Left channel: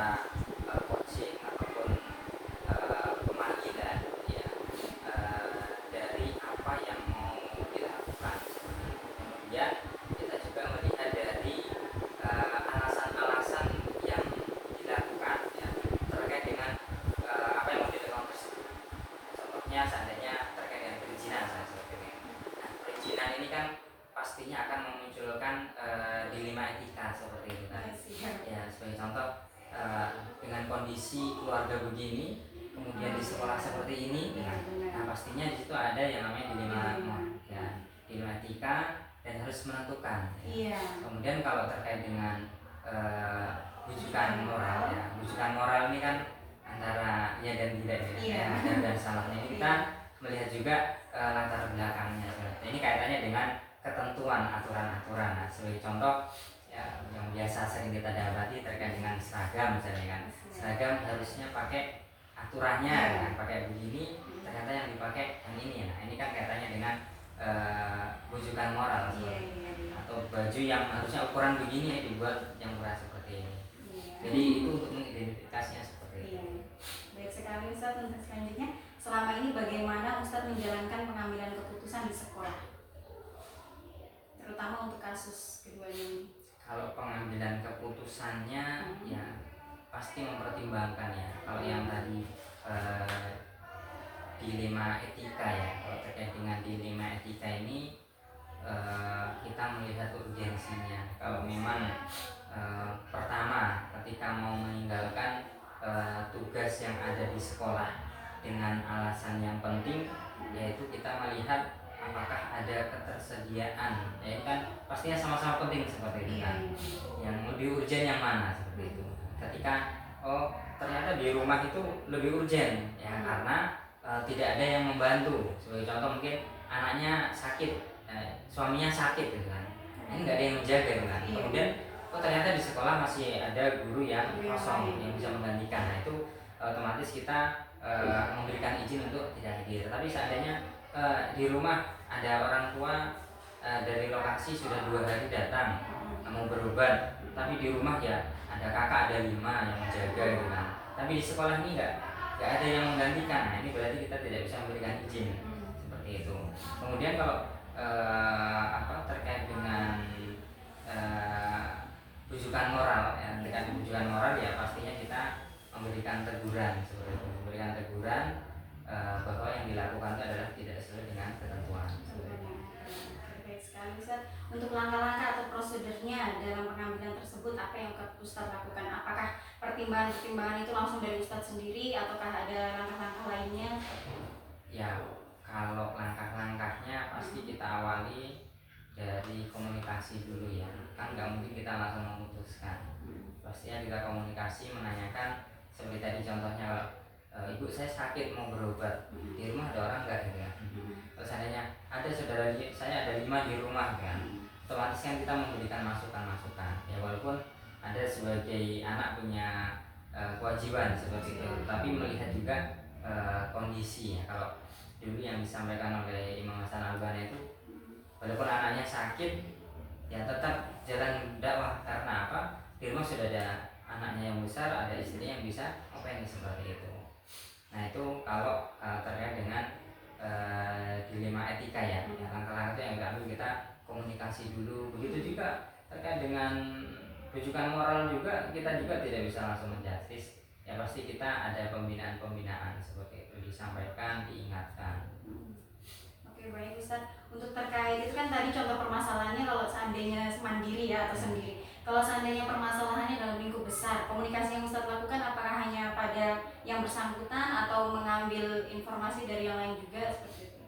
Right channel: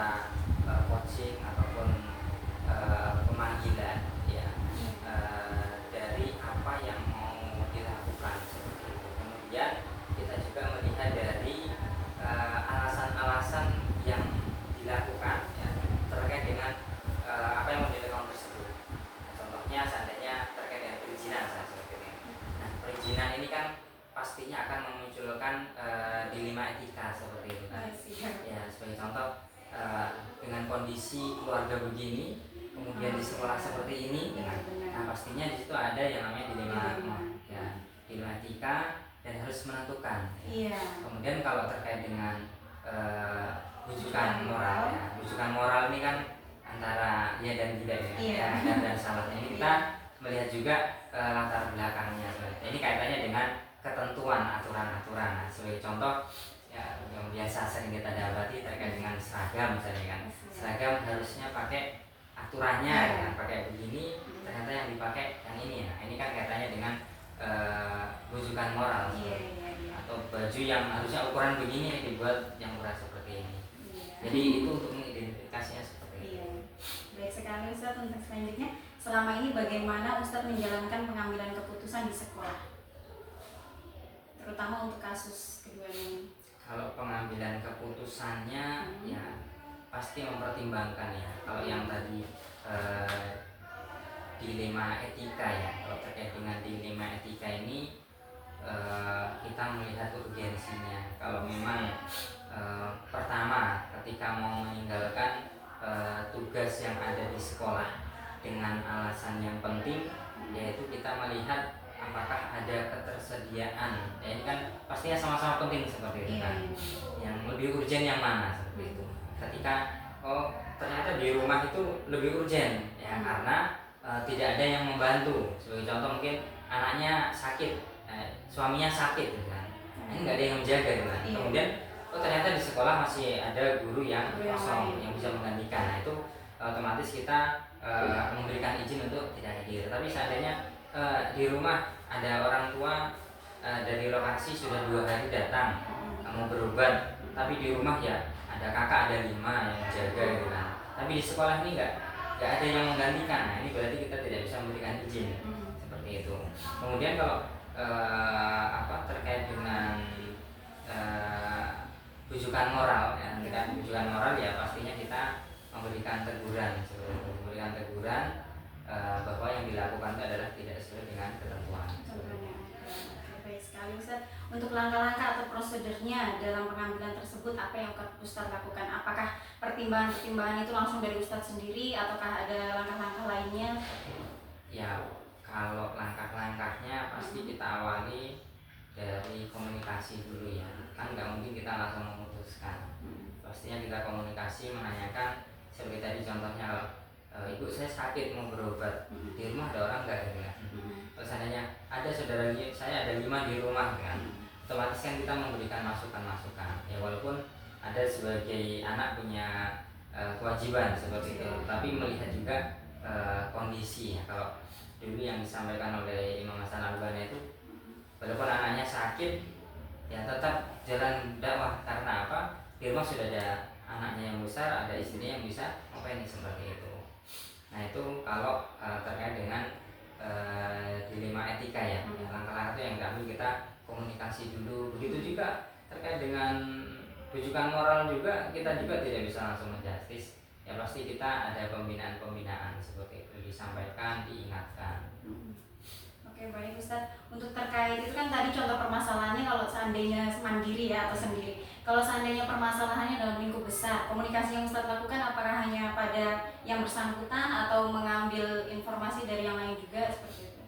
secara coaching ataupun pemanggilan ya, dari apa yang mau dilakukan. Kemudian kita juga melihat dari alasan-alasan yang dilakukan ya, terkait dengan apa yang mau dilakukan tersebut. Contohnya seandainya terkait dengan perizinan seperti ini. Nah, perizinan ini kan pastinya akan memunculkan dilema etika seperti ini. Ya, sebagai contoh, dengan kondisi keluarga begini, kemudian di sekolah seperti ini, nah pastinya di situ ada yang namanya dilema ya, dilema etika dan harus menentukan. Ya. Kemudian kalau terkait dengan rujukan moral, ya, rujukan moral ini kan antara ya dan tidak ya, dan salahnya ini kita melihat juga latar belakangnya. Ini kaitannya dengan ketentuan aturan-aturan. Nah, sebagai contoh ya, yang biasa sering kita dapati terkait dengan seragam misalnya kan, seragam harusnya pakai aturannya kan, pakai begini, ternyata yang dipakai yang ini. Nah, ini kan kaitannya dengan rujukan moral atau baju yang harusnya ukuran begini dibuat yang ukuran seperti ini. Jadi itu untuk mengidentifikasinya seperti itu. Baik sekali Ustaz. Untuk selanjutnya, selama ini bagaimana Ustaz menjalankan pengambilan keputusan di sekolah, terutama untuk kasus kedua ini? Kalau pengambilan keputusannya ya pasti mempertimbangkan ya. Kalau yang tadi dilema etika ya, kalau terkait dengan dilema etika ini kita melihat urgensinya. Kalau memang pertama ketika mau meninggalkan tugas yang ada di sekolah dengan alasan yang penting, yaitu kita melihat apakah ada ketersediaan. Ya, ini kan pastinya sama-sama penting seperti itu kan. Yang lebih urgen yang mana seperti itu. Ketika ternyata di rumah itu lebih urgen ya, karena tidak ada yang membantu. Sebagai contoh mungkin anaknya sakit, suaminya sakit gitu kan. Ini nggak ada yang menjaga gitu kan. Kemudian ternyata di sekolah masih ada guru yang kosong yang bisa menggantikan. Nah, itu otomatis kita memberikan izin untuk tidak hadir. Tapi seandainya di rumah ada orang tua dari lokasi sudah 2 hari datang mau berobat, tapi di rumah ya ada kakak, ada 5 yang menjaga gitu kan. Tapi di sekolah ini nggak ada yang menggantikan. Nah, ini berarti kita tidak bisa memberikan izin seperti itu. Kemudian kalau terkait dengan rujukan moral ya, dengan rujukan moral ya pastinya kita memberikan teguran, bahwa yang dilakukan itu adalah tidak sesuai dengan ketentuan. Baik sekali Ustaz. Untuk langkah-langkah atau prosedurnya dalam pengambilan tersebut, apa yang Ustaz lakukan? Apakah pertimbangan-pertimbangan itu langsung dari Ustaz sendiri ataukah ada langkah-langkah lainnya? Ya, kalau langkah-langkahnya pasti kita awali dari komunikasi dulu ya. Kan nggak mungkin kita langsung memutuskan. Pastinya kita komunikasi, menanyakan seperti tadi contohnya, ibu saya sakit mau berobat, di rumah ada orang nggak ya? Terus seandainya ada saudara saya ada 5 di rumah kan, otomatis kan kita memberikan masukan-masukan ya, walaupun ada sebagai anak punya kewajiban seperti itu, tapi melihat juga kondisi ya. Kalau dulu yang disampaikan oleh Imam Hasan Al-Banna itu, walaupun anaknya sakit ya tetap jalan dakwah. Karena apa? Di rumah sudah ada anaknya yang besar, ada istrinya yang bisa apa ini seperti itu. Nah, itu kalau terkait dengan dilema etika ya, langkah-langkah itu yang diambil kita komunikasi dulu. Begitu juga terkait dengan rujukan moral juga, kita juga tidak bisa langsung menjustis ya, pasti kita ada pembinaan seperti itu, disampaikan, diingatkan. Oke, baik Ustaz. Untuk terkait itu kan tadi contoh permasalahannya kalau seandainya mandiri ya atau sendiri. Kalau seandainya permasalahannya dalam lingkup besar, komunikasi yang Ustaz lakukan apakah hanya pada yang bersangkutan atau mengambil informasi dari yang lain juga seperti itu?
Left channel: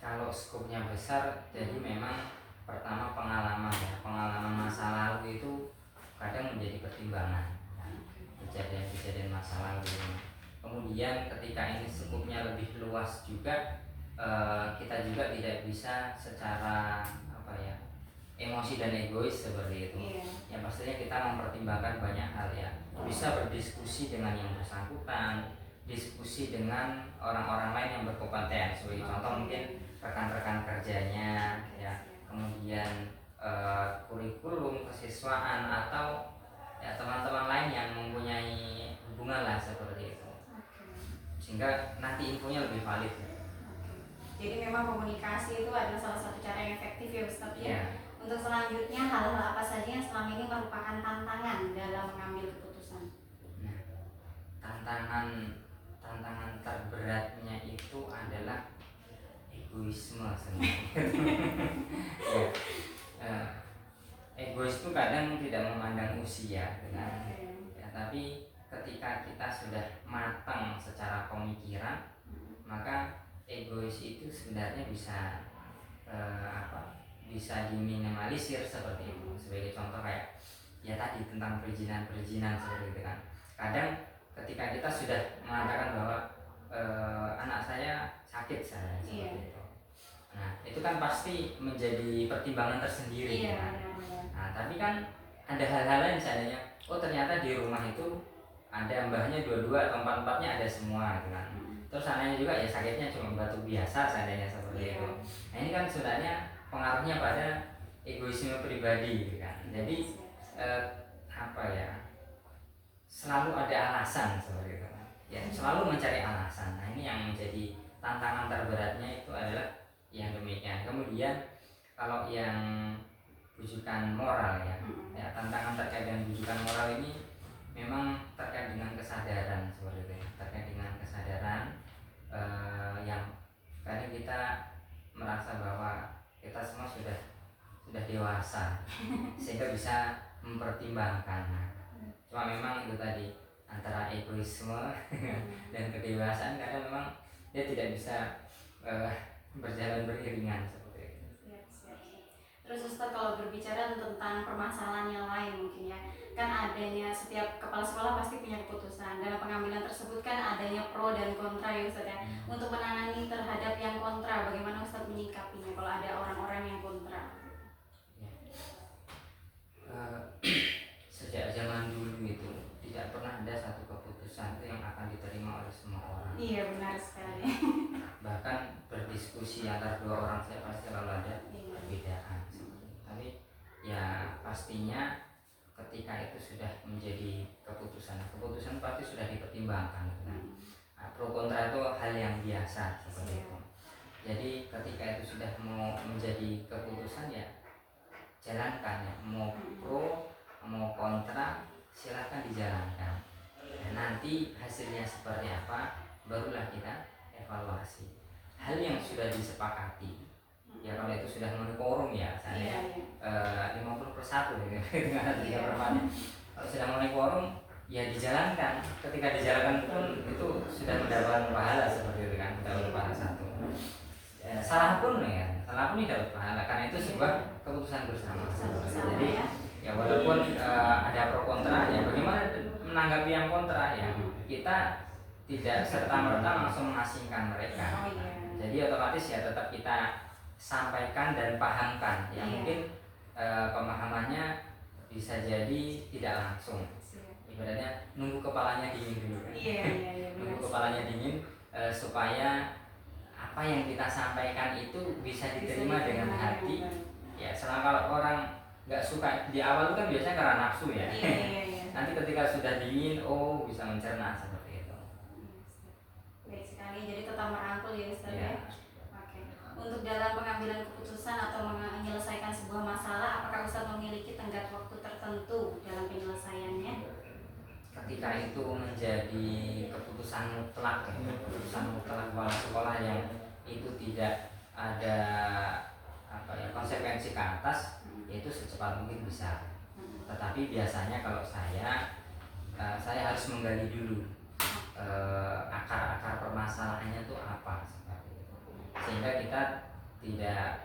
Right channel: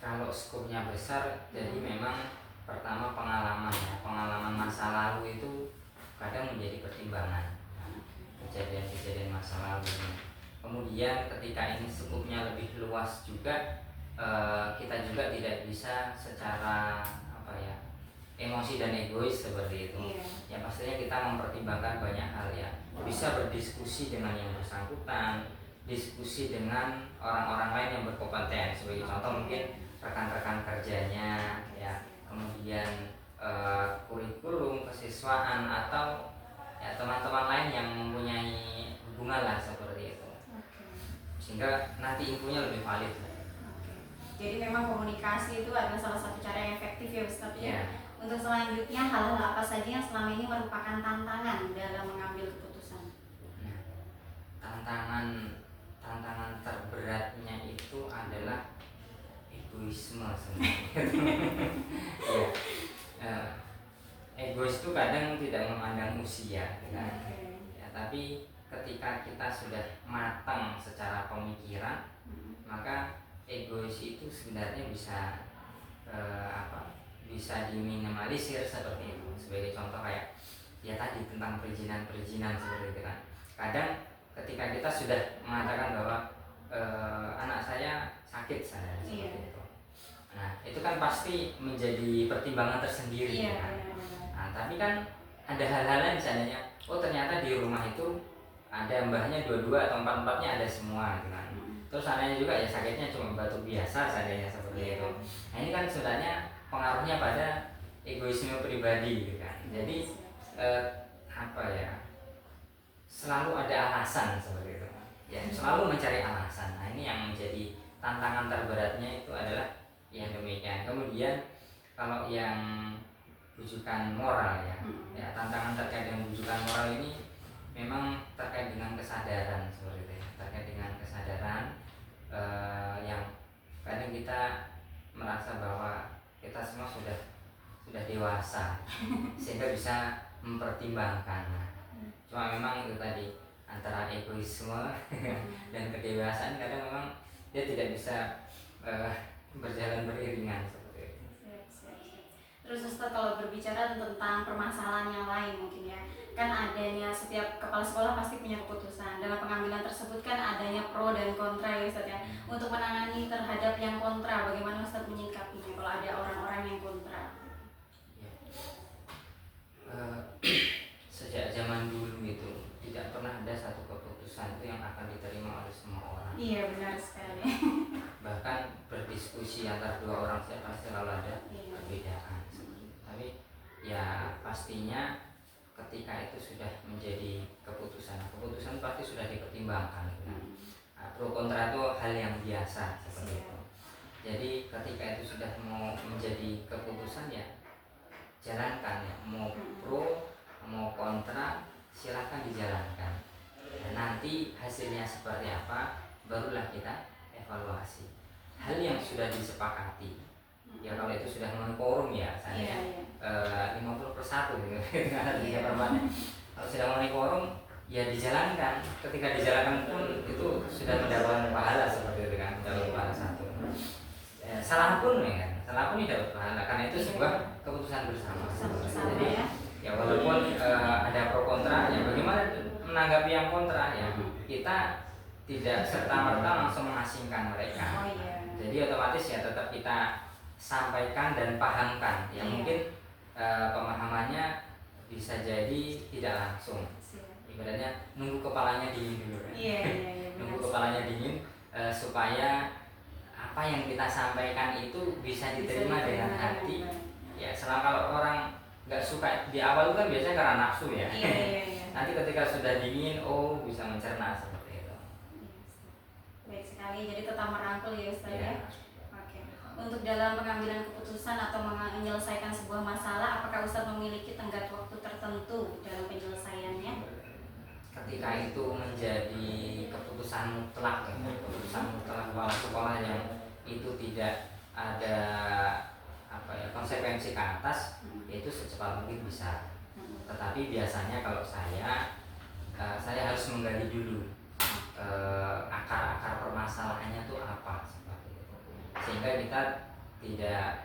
Kalau skopnya besar, jadi memang pertama pengalaman ya, pengalaman masa lalu itu kadang menjadi pertimbangan. Kejadian-kejadian masa lalu. Kemudian ketika ini skopnya lebih luas juga, kita juga tidak bisa secara emosi dan egois seperti itu. Ya pastinya kita mempertimbangkan banyak hal ya. Bisa berdiskusi dengan yang bersangkutan, diskusi dengan orang-orang lain yang berkompeten. Sebagai contoh mungkin rekan-rekan kerjanya ya, kemudian kurikulum, kesiswaan, atau ya teman-teman lain yang mempunyai hubungan lah seperti itu, Oke. sehingga nanti infonya lebih valid. Oke. Jadi memang komunikasi itu adalah salah satu cara yang efektif ya Ustaz ya. Ya, Untuk selanjutnya hal-hal apa saja yang selama ini merupakan tantangan dalam mengambil keputusan? nah, tantangan tantangan terberatnya itu adalah egoisme sebenarnya. Ya, eh, egois itu kadang tidak memandang usia, gitu kan. Ya, tapi ketika kita sudah matang secara pemikiran, maka egois itu sebenarnya bisa bisa diminimalisir seperti itu. Sebagai contoh kayak ya tadi tentang perizinan seperti itu kan. Kadang ketika kita sudah mengatakan bahwa anak saya sakit saya seperti itu. Nah, itu kan pasti menjadi pertimbangan tersendiri kan. Nah, tapi kan ada hal-hal lain seandainya, oh ternyata di rumah itu ada mbahnya dua-dua atau empat-empatnya ada semua gitu kan. Terus seandainya juga ya sakitnya cuma batuk biasa seandainya seperti itu. Nah, ini kan sebenarnya pengaruhnya pada egoisme pribadi gitu kan. Jadi apa ya? Selalu ada alasan seperti itu. Ya, selalu mencari alasan. Nah, ini yang menjadi tantangan terberatnya itu adalah yang demikian. Kemudian kalau yang rujukan moral ya tantangan terkait dengan rujukan moral ini memang terkait dengan kesadaran seperti itu ya. Terkait dengan kesadaran yang kadang kita merasa bahwa kita semua sudah dewasa sehingga bisa mempertimbangkan. Nah, cuma memang itu tadi antara egoisme dan kedewasaan kadang memang dia tidak bisa berjalan beriringan seperti itu. Terus Ustaz kalau berbicara tentang permasalahan yang lain mungkin ya, kan adanya setiap kepala sekolah pasti punya keputusan. Dalam pengambilan tersebut kan adanya pro dan kontra ya Ustaz ya. Untuk menangani terhadap yang kontra, bagaimana Ustaz menyikapinya kalau ada orang-orang yang kontra? Ya. Sejak zaman dulu itu tidak pernah ada satu keputusan itu yang akan diterima oleh semua orang. Iya benar sekali. Bahkan berdiskusi antara dua orang saya pasti selalu ada perbedaan. Tapi ya pastinya ketika itu sudah menjadi keputusan pasti sudah dipertimbangkan. Nah, pro kontra itu hal yang biasa seperti itu. Jadi ketika itu sudah mau menjadi keputusan ya jalankan ya, mau pro mau kontra silahkan dijalankan. Dan nanti hasilnya seperti apa barulah kita evaluasi. Hal yang sudah disepakati ya kalau itu sudah memenuhi quorum ya saya 50/1 dengan 3/4 kalau sudah memenuhi quorum ya dijalankan. Ketika dijalankan pun itu sudah mendapatkan pahala seperti itu kan, mendapatkan pahala satu. Salah pun ini dapat pahala karena itu sebuah keputusan bersama. Jadi ya walaupun ada pro kontra ya bagaimana menanggapi yang kontra ya kita tidak serta-merta langsung mengasingkan mereka. Jadi otomatis ya tetap kita sampaikan dan pahamkan. Ya mungkin pemahamannya bisa jadi tidak langsung. Ibaratnya nunggu kepalanya dingin dulu kan. Nunggu kepalanya dingin supaya apa yang kita sampaikan itu bisa diterima dengan hati. Ya selama kalau orang nggak suka di awal itu kan biasanya karena nafsu ya. Nanti ketika sudah dingin, oh bisa mencerna seperti itu. Baik sekali, jadi tetap merangkul ya Ustaz ya. Oke. Untuk dalam pengambilan keputusan atau menyelesaikan sebuah masalah, apakah Ustaz memiliki tenggat waktu tertentu dalam penyelesaiannya? Ketika itu menjadi keputusan mutlak, keputusan mutlak kepala sekolah yang itu tidak ada konsekuensi ke atas, itu secepat mungkin bisa. Tetapi biasanya kalau saya harus menggali dulu akar-akar permasalahannya itu apa seperti itu. Sehingga kita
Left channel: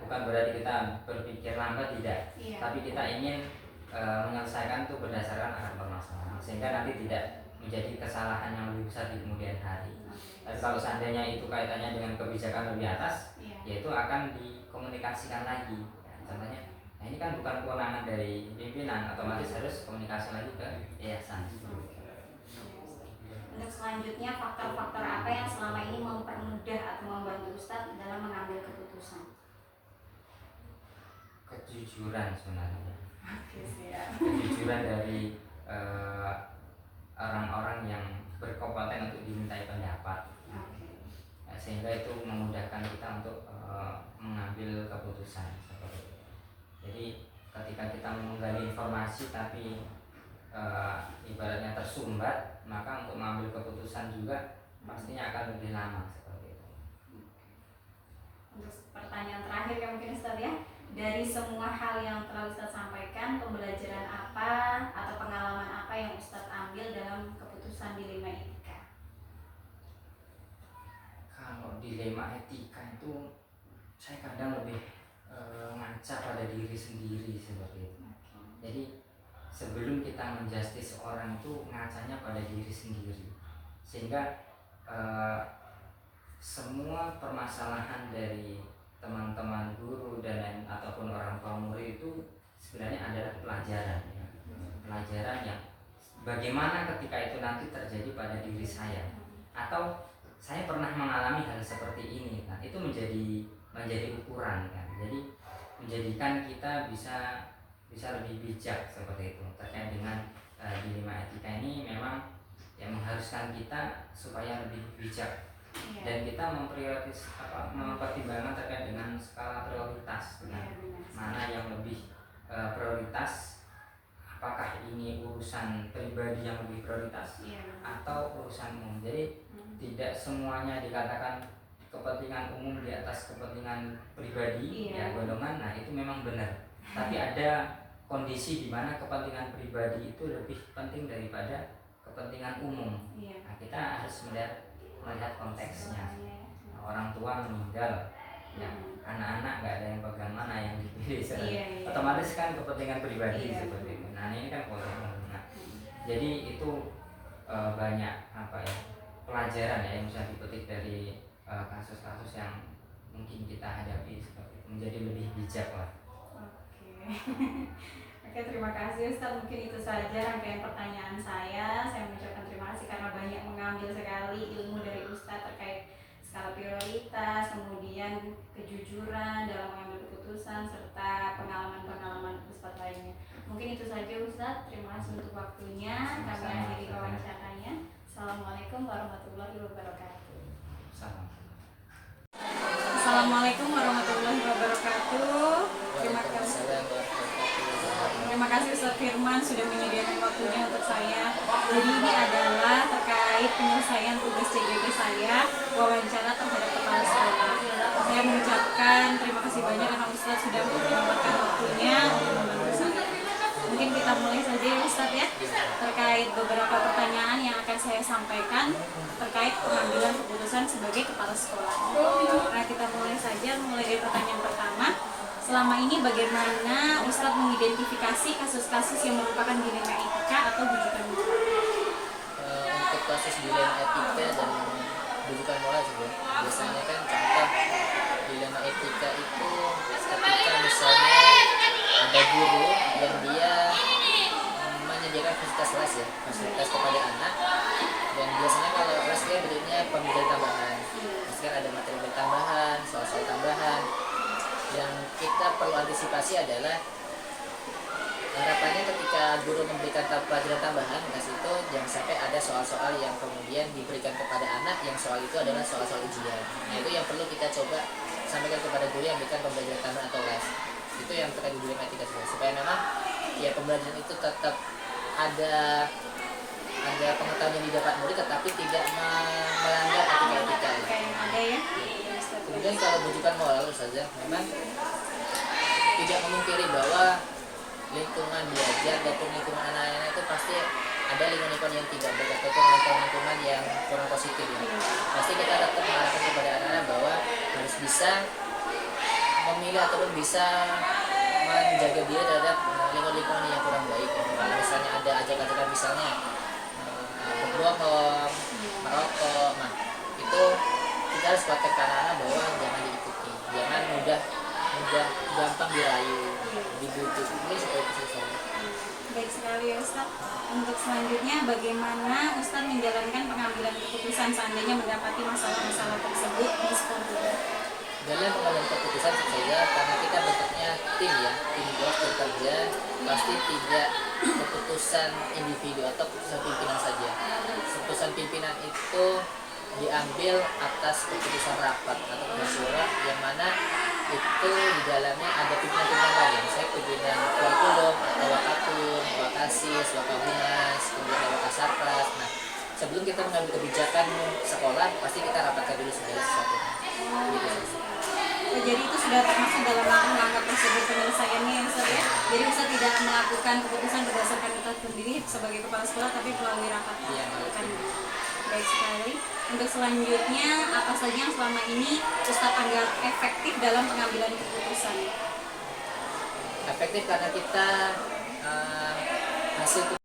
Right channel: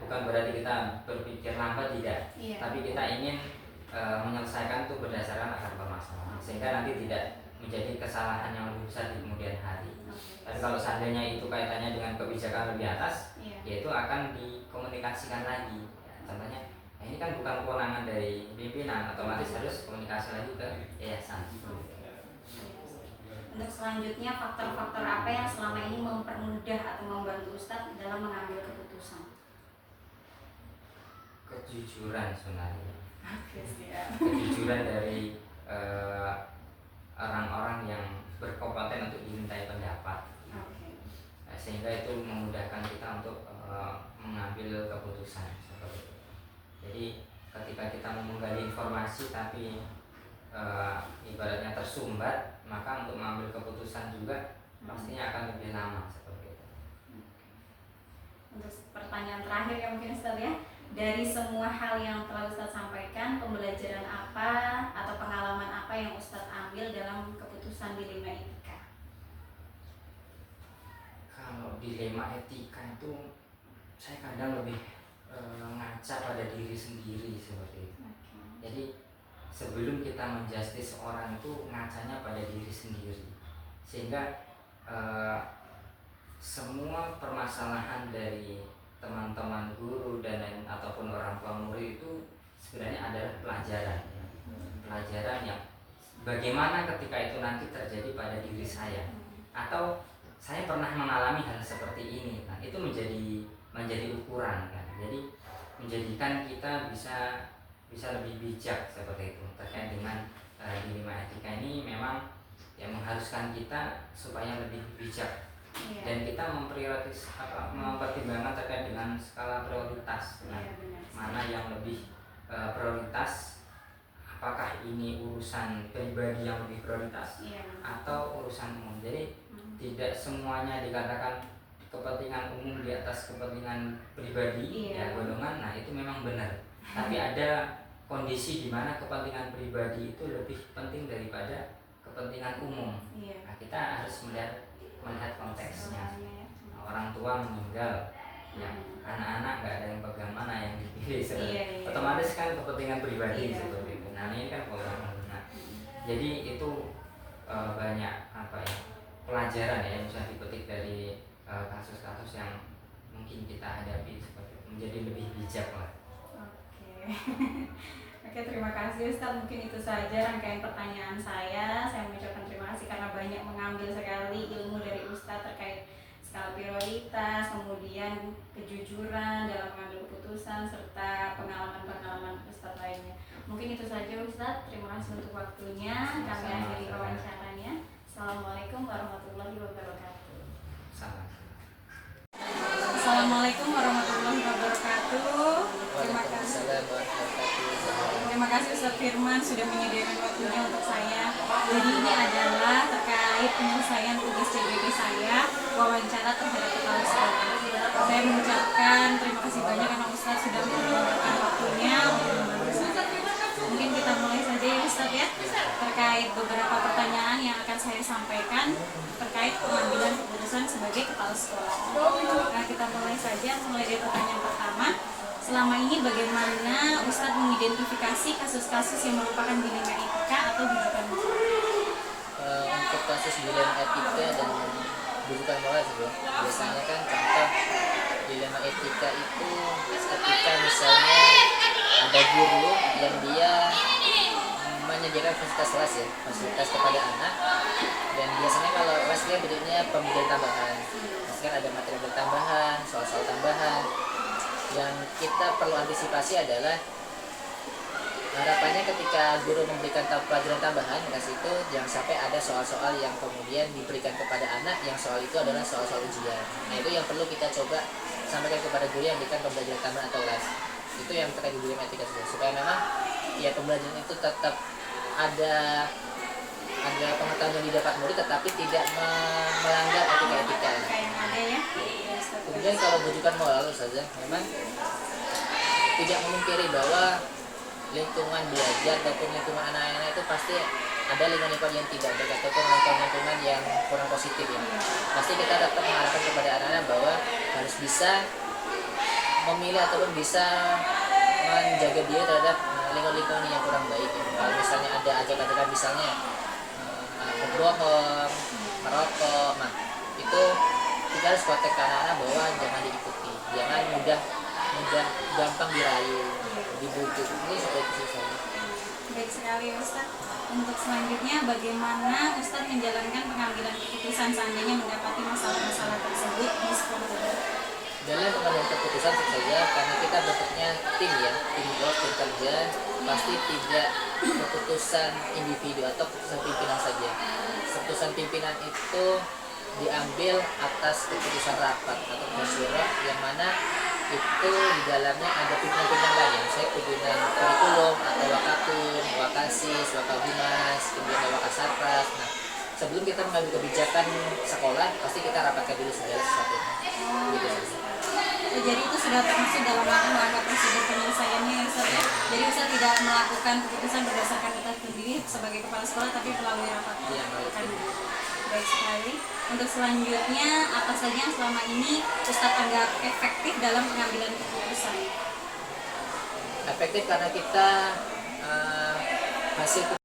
bukan berarti kita berpikir lambat tidak, tapi kita ingin menyelesaikan itu berdasarkan akar permasalahan sehingga nanti tidak menjadi kesalahan yang lebih besar di kemudian hari. Tapi kalau seandainya itu kaitannya dengan kebijakan lebih atas, yaitu akan dikomunikasikan lagi. Contohnya, nah ini kan bukan kewenangan dari pimpinan, otomatis harus komunikasi lagi ke yayasan. Untuk selanjutnya faktor-faktor apa yang selama ini mempermudah atau membantu Ustadz dalam mengambil keputusan? Kejujuran sebenarnya. Kejujuran dari orang-orang yang berkompeten untuk dimintai pendapat. Sehingga itu memudahkan kita untuk mengambil keputusan seperti itu. Jadi ketika kita menggali informasi tapi ibaratnya tersumbat, maka untuk mengambil keputusan juga pastinya akan lebih lama seperti itu. Untuk pertanyaan terakhir ya mungkin Ustaz ya, dari semua hal yang telah Ustaz sampaikan, pembelajaran apa atau pengalaman apa yang Ustaz ambil dalam keputusan dilema etika? Kalau dilema etika itu saya kadang lebih ngaca pada diri sendiri seperti itu. Jadi sebelum kita menjustis orang itu ngacanya pada diri sendiri, sehingga semua permasalahan dari teman-teman guru dan lain ataupun orang tua murid itu sebenarnya adalah pelajaran, pelajaran yang bagaimana ketika itu nanti terjadi pada diri saya, atau saya pernah mengalami hal seperti ini, kan itu menjadi ukuran, kan. Jadi menjadikan kita bisa lebih bijak seperti itu terkait dengan dilema etika ini. Memang yang mengharuskan kita supaya lebih bijak dan kita mempertimbangkan terkait dengan skala prioritas, mana yang lebih prioritas, apakah ini urusan pribadi yang lebih prioritas atau urusan umum. Jadi tidak semuanya dikatakan kepentingan umum di atas kepentingan pribadi, ya golongan. Nah itu memang benar. Tapi ada kondisi di mana kepentingan pribadi itu lebih penting daripada kepentingan umum. Nah, kita harus melihat konteksnya. Orang tua meninggal, ya anak-anak nggak ada yang pegang mana yang dipilih, otomatis kan kepentingan pribadi seperti itu. Nah ini kan pola. Nah, jadi itu banyak pelajaran ya yang bisa dipetik dari kasus-kasus yang mungkin kita hadapi seperti itu, menjadi lebih bijak lah. Oke, terima kasih Ustaz. Mungkin itu saja rangkaian pertanyaan saya. Saya mengucapkan terima kasih karena banyak mengambil sekali ilmu dari Ustaz terkait skala prioritas, kemudian kejujuran dalam mengambil keputusan, serta pengalaman-pengalaman Ustaz lainnya. Mungkin itu saja Ustaz. Terima kasih untuk waktunya. Kami akhiri wawancaranya. Assalamualaikum warahmatullahi wabarakatuh. Assalamualaikum warahmatullahi wabarakatuh. Terima kasih Ustaz Firman sudah menyediakan waktunya untuk saya. Jadi ini adalah terkait penyelesaian tugas CGP saya, wawancara terhadap kepala sekolah. Saya mengucapkan terima kasih banyak karena Ustaz sudah menyempatkan waktunya untuk membantu saya. Mungkin kita mulai saja ya Ustaz ya, terkait beberapa pertanyaan yang akan saya sampaikan terkait pengambilan keputusan sebagai kepala sekolah. Nah kita mulai saja, mulai dari pertanyaan pertama. Selama ini bagaimana Ustadz mengidentifikasi kasus-kasus yang merupakan dilema etika atau bujukan moral? Untuk kasus dilema etika dan bujukan moral juga, biasanya kan contoh dilema etika itu ketika misalnya ada guru yang dia menyediakan fasilitas les fasilitas kepada anak, dan biasanya kalau les dia bentuknya pembelajaran tambahan, misalkan ada materi tambahan, soal-soal tambahan. Yang kita perlu antisipasi adalah harapannya ketika guru memberikan pelajaran tambahan di situ jangan sampai ada soal-soal yang kemudian diberikan kepada anak yang soal itu adalah soal-soal ujian. Nah itu yang perlu kita coba sampaikan kepada guru yang memberikan pembelajaran tambahan atau les. Itu yang terkait dilema etika juga, supaya memang ya pembelajaran itu tetap ada pengetahuan yang didapat murid tetapi tidak melanggar etika-etika. Ada ya. Kemudian kalau bujukan moral saja, memang tidak memungkiri bahwa lingkungan belajar ataupun lingkungan anak-anak itu pasti ada lingkungan yang tidak baik ataupun lingkungan yang kurang positif ya. Pasti kita tetap mengharapkan kepada anak-anak bahwa harus bisa memilih ataupun bisa menjaga diri terhadap lingkungan yang kurang baik ya. Kalau misalnya ada ajakan-ajakan misalnya berbohong, merokok, nah itu kita harus kontak ke anak-anak bahwa jangan diikuti, jangan mudah gampang dirayu, dibujuk. Ini seperti itu saja. Baik sekali ya Ustaz. Untuk selanjutnya bagaimana Ustaz menjalankan pengambilan keputusan seandainya mendapati masalah-masalah tersebut di sekolah? Dalam pengambilan keputusan saja, karena kita bentuknya tim ya, tim work, tim kerja, pasti tidak keputusan individu atau keputusan pimpinan saja. Keputusan pimpinan itu diambil atas keputusan rapat atau keputusan syura, yang mana itu di dalamnya ada pimpinan-pimpinan lain, saya pimpinan kurikulum atau wakatum, wakasis, wakahumas, kemudian wakasarpras. Nah, sebelum kita mengambil kebijakan sekolah, pasti kita rapatkan dulu segala sesuatunya. Gitu saja. Jadi itu sudah termasuk dalam langkah prosedur penyelesaiannya ya Ustaz ya. Jadi Ustaz tidak melakukan keputusan berdasarkan data sendiri sebagai kepala sekolah, tapi melalui rapat. Iya, melalui. Baik sekali. Untuk selanjutnya, apa saja yang selama ini Ustaz anggap efektif dalam pengambilan keputusan? Efektif karena kita hasil